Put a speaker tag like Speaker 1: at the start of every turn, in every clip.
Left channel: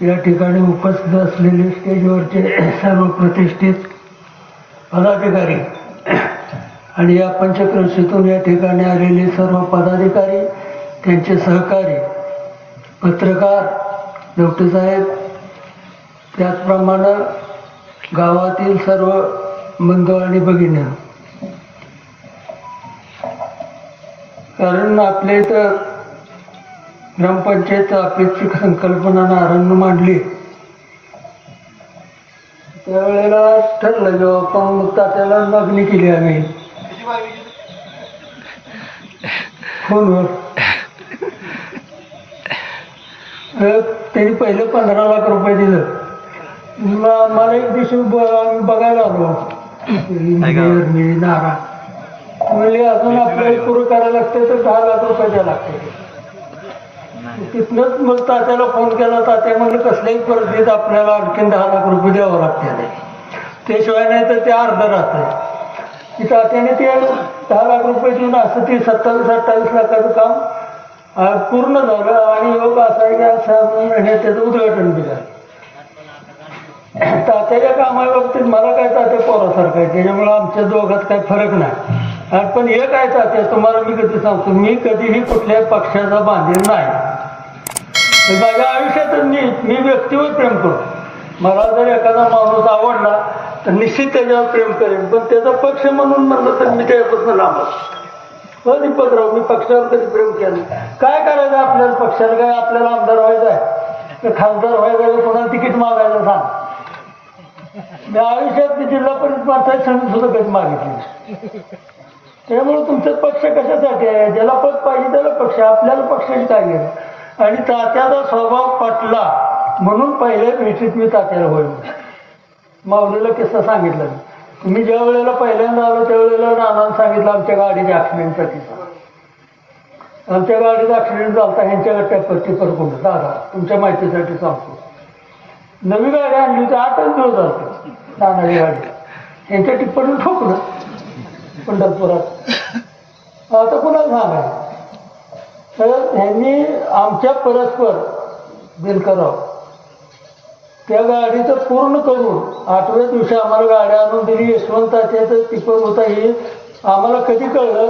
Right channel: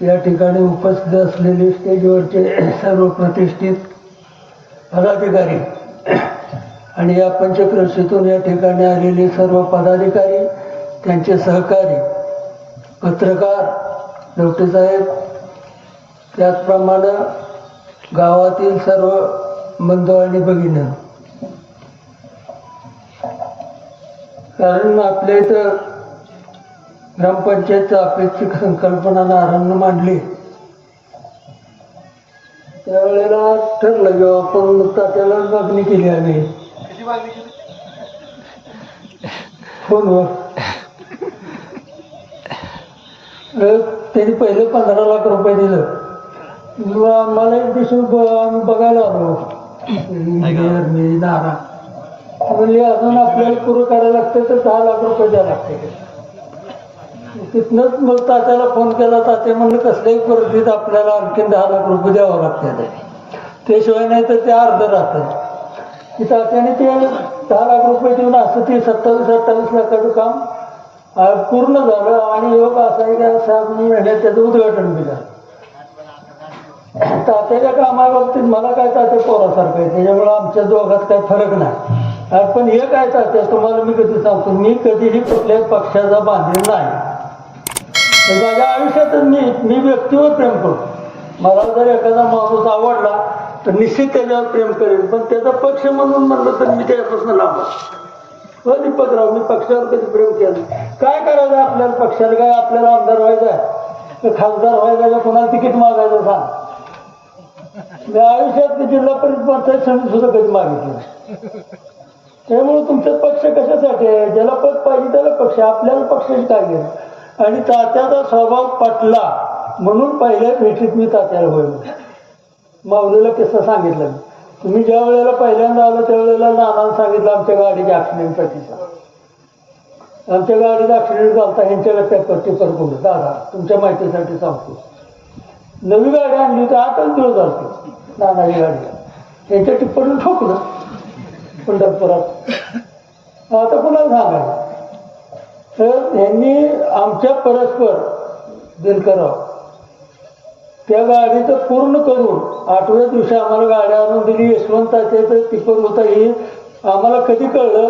Speaker 1: या ठिकाणी उपस्थित असलेले स्टेजवरचे सर्व प्रतिष्ठित पदाधिकारी आणि या पंचक्रशीतून या ठिकाणी आलेले सर्व पदाधिकारी त्यांचे सहकारी पत्रकार साहेब त्याचप्रमाणे गावातील सर्व बंधू आणि भगिनी. कारण आपल्या इथं ग्रामपंचायत अपेक्षित संकल्पना नारायण मांडली. त्यावेळेला ठरलं जेव्हा आपण मग तात्याला मागणी केली आम्ही. फोनवर अं, त्यांनी पहिले पंधरा लाख रुपये दिलं. मला एक दिवशी आम्ही बघायला आलो. नारा. म्हणले अजून आपल्याला पुरं करायला लागते तर दहा लाख रुपये द्यायला लागते तिथनंच मग तात्याला फोन केला. तात्या म्हणलं कसल्याही परिस्थितीत आपल्याला आणखीन दहा लाख रुपये द्यावं लागते त्याशिवाय नाही तर ते अर्ध राहतं. तात्याने ते दहा लाख रुपये देऊन असं ते सत्तावीस अठ्ठावीस लाखाचं काम पूर्ण झालं आणि योग असा आहे की साहेब महिन्यात त्याचं उद्घाटन दिलं तात्याच्या कामाबाबतीत मला काय तात्या पोरासारखं आहे? त्याच्यामुळे आमच्या दोघात काही फरक नाही. पण एक आहे तात्या? तुम्हाला मी कधी सांगतो मी कधीही कुठल्याही पक्षाचा बांधील नाही. म्हणजे माझ्या आयुष्यातच मी मी व्यक्तीवर प्रेम करतो. मला जर एखादा माणूस आवडला तर निश्चित त्याच्यावर प्रेम करेन. पण त्याचा पक्ष म्हणून म्हणलं तर मी त्याच्यापासून लांब हो दीपकराव मी पक्षावर कधी प्रेम केलं काय करायचं आपल्याला पक्षाला? काय आपल्याला आमदार व्हायचं आहे? तर खासदार व्हायचं का कोणाला तिकीट मागायचं सांग. मी आयुष्यात जिल्हा परिषद पंचायत समिती सुद्धा कधी मागितली त्यामुळे तुमचा पक्ष कशासाठी आहे? ज्याला पद पाहिजे त्याला पक्ष आपल्याला पक्षाची काय घेणं आणि तात्याचा स्वभाव पटला. म्हणून पहिल्या भेटीत मी तात्याला होईल माऊलीला किस्सा सांगितला मी. ज्या वेळेला पहिल्यांदा आलो त्यावेळेला नानानं सांगितलं आमच्या गाडीच्या ॲक्सिडेंटसाठीचा आमच्या गाडीचा ॲक्सिडेंट झाला ह्यांच्याकडे टेपर टिपर कोण दादा तुमच्या माहितीसाठी सांगतो नवी गाडी आणली होती आठच दिवस झालते. नानाची गाडी. यांच्या टिप्पणी ठोकलं. पंढरपुरात. आता कुणाला सांगायचं. तर यांनी आमच्या परस्पर दिनकराव त्या गाडीचं पूर्ण करून आठव्या दिवशी आम्हाला गाडी आणून दिली. यशवंताचे तर तिकडून होता येईल आम्हाला कधी कळलं?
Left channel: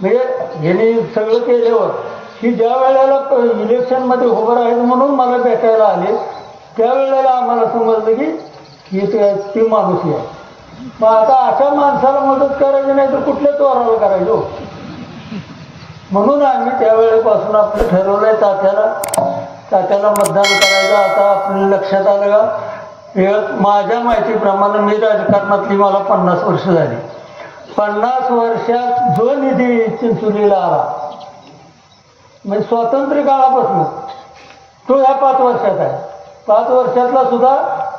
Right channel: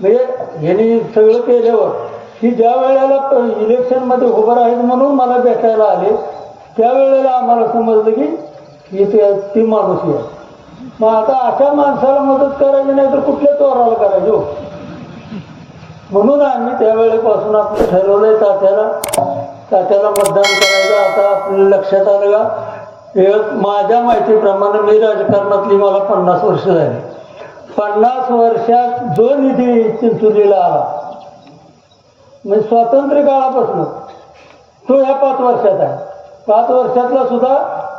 Speaker 1: म्हणजे यांनी सगळं केल्यावर की ज्या वेळेला इलेक्शनमध्ये उभं आहेत म्हणून मला भेटायला आले त्यावेळेला आम्हाला समजलं की ही ती माणूस आहे. मग आता अशा माणसाला मदत करायची नाही तर कुठल्या त्वराला करायचो हो? म्हणून आम्ही त्यावेळेपासून आपलं ठरवलंय तात्याला. तात्याला मतदान करायचं. आता आपल्या लक्षात आलं का? हे माझ्या माहितीप्रमाणे मी राजकारणातली मला पन्नास वर्ष झाली. पन्नास वर्षात जो निधी चिंचोलीला आला म्हणजे स्वातंत्र्य काळापासून तो ह्या पाच वर्षात आहे. पाच वर्षातला सुद्धा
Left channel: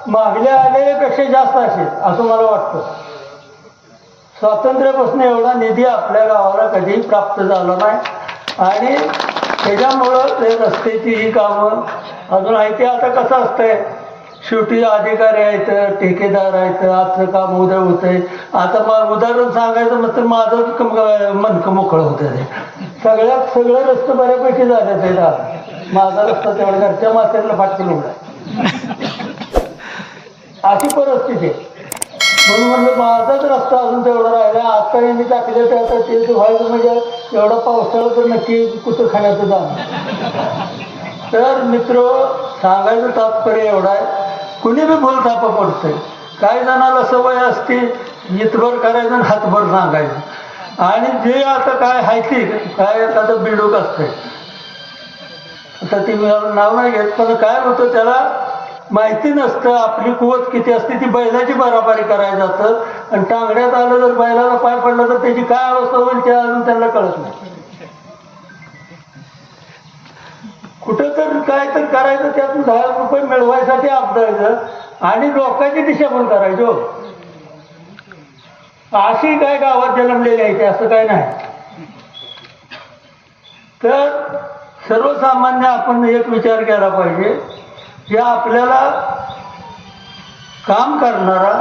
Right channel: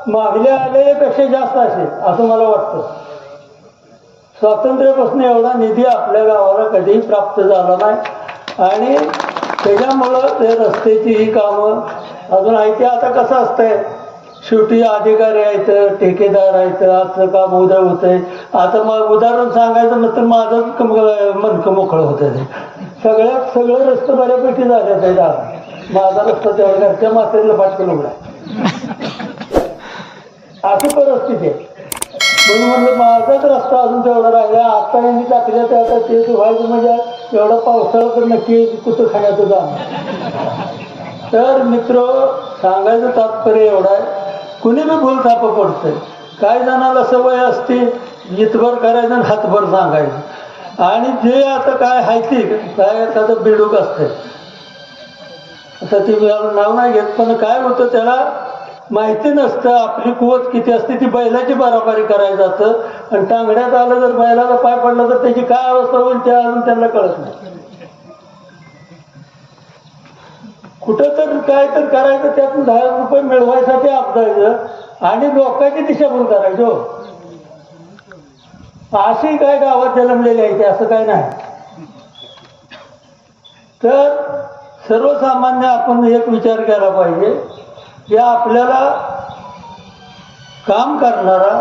Speaker 1: मागल्या आलेल्यापेक्षा जास्त असेल असं मला वाटतं. स्वातंत्र्यापासून एवढा निधी आपल्या गावाला कधीही प्राप्त झाला नाही. आणि त्याच्यामुळं ते रस्त्याची ही कामं अजून आहे ते आता कसं असतंय? शेवटी अधिकारी आहेत ठेकेदार आहेत आजचं काम उद्या होतंय. आता मग उदाहरण सांगायचं मग तर माझं कम- मनकं मोकळं होतं ते. सगळ्यात सगळं रस्ते बऱ्यापैकी झालं त्याला माझा रस्ता तेवढा घरच्या मातेला फाटके निघला अशी परिस्थिती आहे. म्हणून म्हणलं माझाच रस्ता अजून तेवढा राहिला आता यांनी टाकलं ते आता ते व्हायचं म्हणजे एवढा पावसाळा तर नक्की कुठं खाण्याचं जा. तर मित्र सांगायचं तात्पर्य एवढा आहे. कुणी बी भूल थाप पडतंय. काही जणाला सवय असते इतभर करायचं आणि हातभर सांगायचं. आणि जे आता काय हायती काय आता बिडूक असतंय. आता ती नाव नाही घेत पण काय होतं त्याला माहिती नसतं आपली कुवत किती असते ती बैलाची बराबरी करायला जातं आणि टांगण्यात आलं जर बैलाला पाय पडला तर त्याची काय अवस्था होईल ते अजून त्यांना कळत नाही. कुठं तर काय तर करायचं त्यातून दहा रुपये मिळवायसाठी आपदायचं आणि लोकांची दिशाभूल करायचो हो. अशी काय गावात जन्मलेली आहे ते असं काय नाही. तर सर्वसामान्य आपण एक विचार केला पाहिजे. या आपल्याला काम करणारा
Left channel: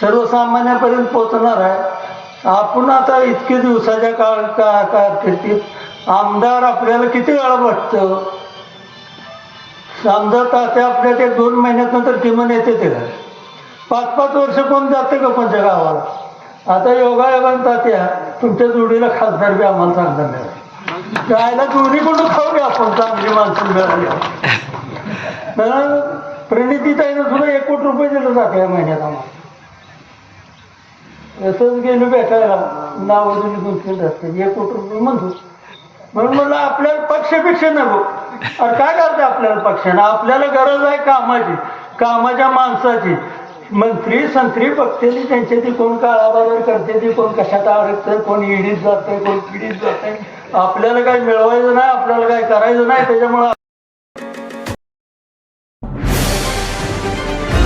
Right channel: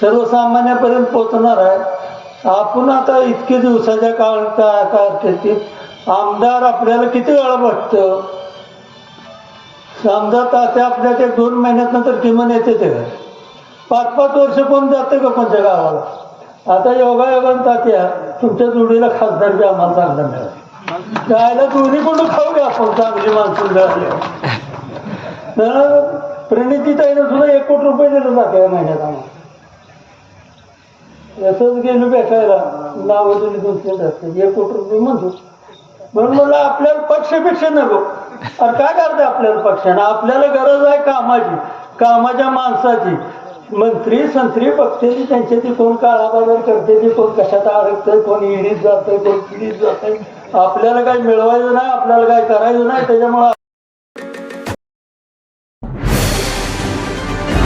Speaker 1: सर्वसामान्यापर्यंत पोचणार आहे आपण आता इतके दिवसाच्या काळ का कारकिर्दीत आमदार आपल्याला किती वेळा भेटतं समजा तात्या आपल्या ते दोन महिन्यात नंतर किमान येते ते का पाच पाच वर्ष कोण जाते का कोणत्या गावाला? आता योगा योगान तात्या तुमच्या जोडीला खासदार बी आम्हाला चांगला मिळाला. जायला जोडी कोण खाऊ आपण चांगली माणसं मिळाली. प्रणितीताईनं सुद्धा एक कोटी रुपये दिले जाते या महिन्यात आम्हाला. असंच गेलो भेटायला नाव दिली दोन केलं असते एक कोटी रुपये म्हणतो. म्हणून म्हणलं आपल्याला पक्षपेक्षा नको. अरे काय करतं आपल्याला पक्षानं आपल्याला गरज आहे कामाची कामाच्या माणसाची. मंत्री संत्री पक्षाची त्यांच्या ती कोण काळाबाजार करते ती कोण कशात अडकतंय कोण इडीत जाते कोण पिढीत जाते आपल्याला काय मिळवायचं नाही आपल्याला काय करायचं नाही त्याच्यामुळे